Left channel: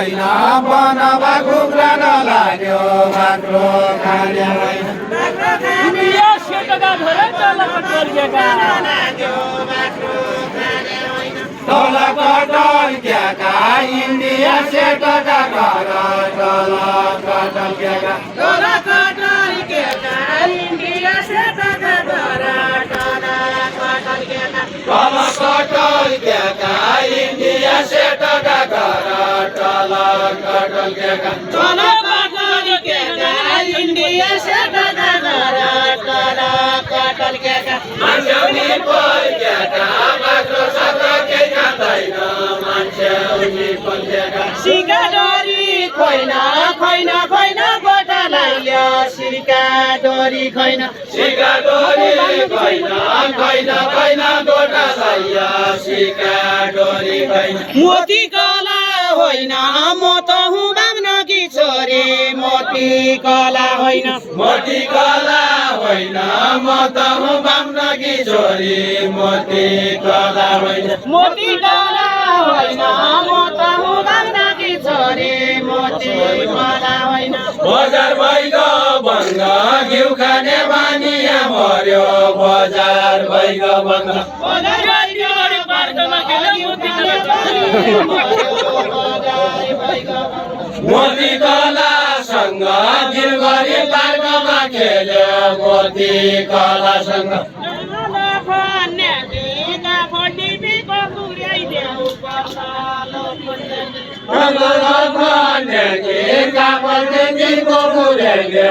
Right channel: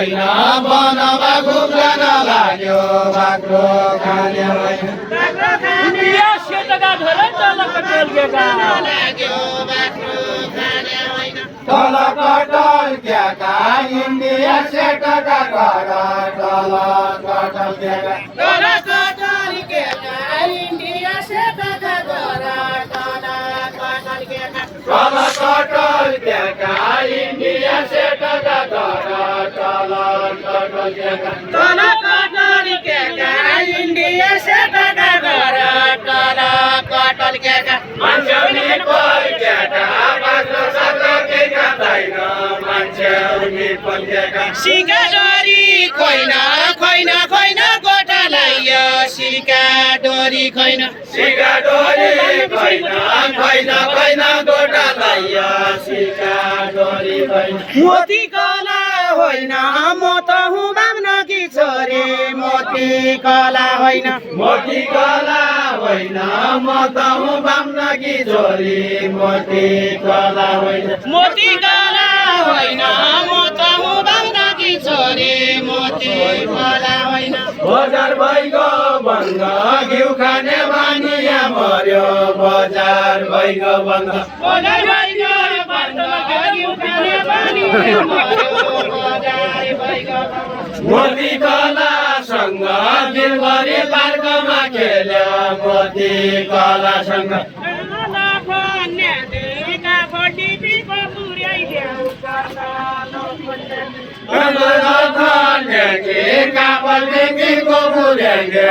होइन बनवा घुम्न लाग्यो बाख्रो खाने होइन तल कटल्क्याका इन्डिया सेटका घर तल कटल्क्याका तल कटल्क्याका इन्डिया सेटका घर तल कटल्क्याका मान्छे पर्क्याका बाख्रो साख्रो केही खाँदैन मान्छे पर्क्याका सिकाडोरी खैन खैन खैन गोटा लाइयो सिकाडोरी खैन सिकाडोरी खैन खैन खैन गोटा लाइयो सिकाडोरी खैन मोती कला होइन म त हुँ बाम्नकी छोरी मोती कला होइन मोती कला होइन म त हुँ बाम्नकी छोरी मोती कला होइन मोती कला होइन म त हुँ बाम्नकी छोरी मोती कला होइन बजार भइगयो बन्द घिउ खाने बानी यहाँ मर्यो बजार भइगयो बन्द बजार भइगयो बाटोमा घिउ खाने बानी बजार भइगयो मोती कलासँग दिलभरि पार्कमा खेल्यो मोती कलासँग कापल देखिको पुर्याइदेऊ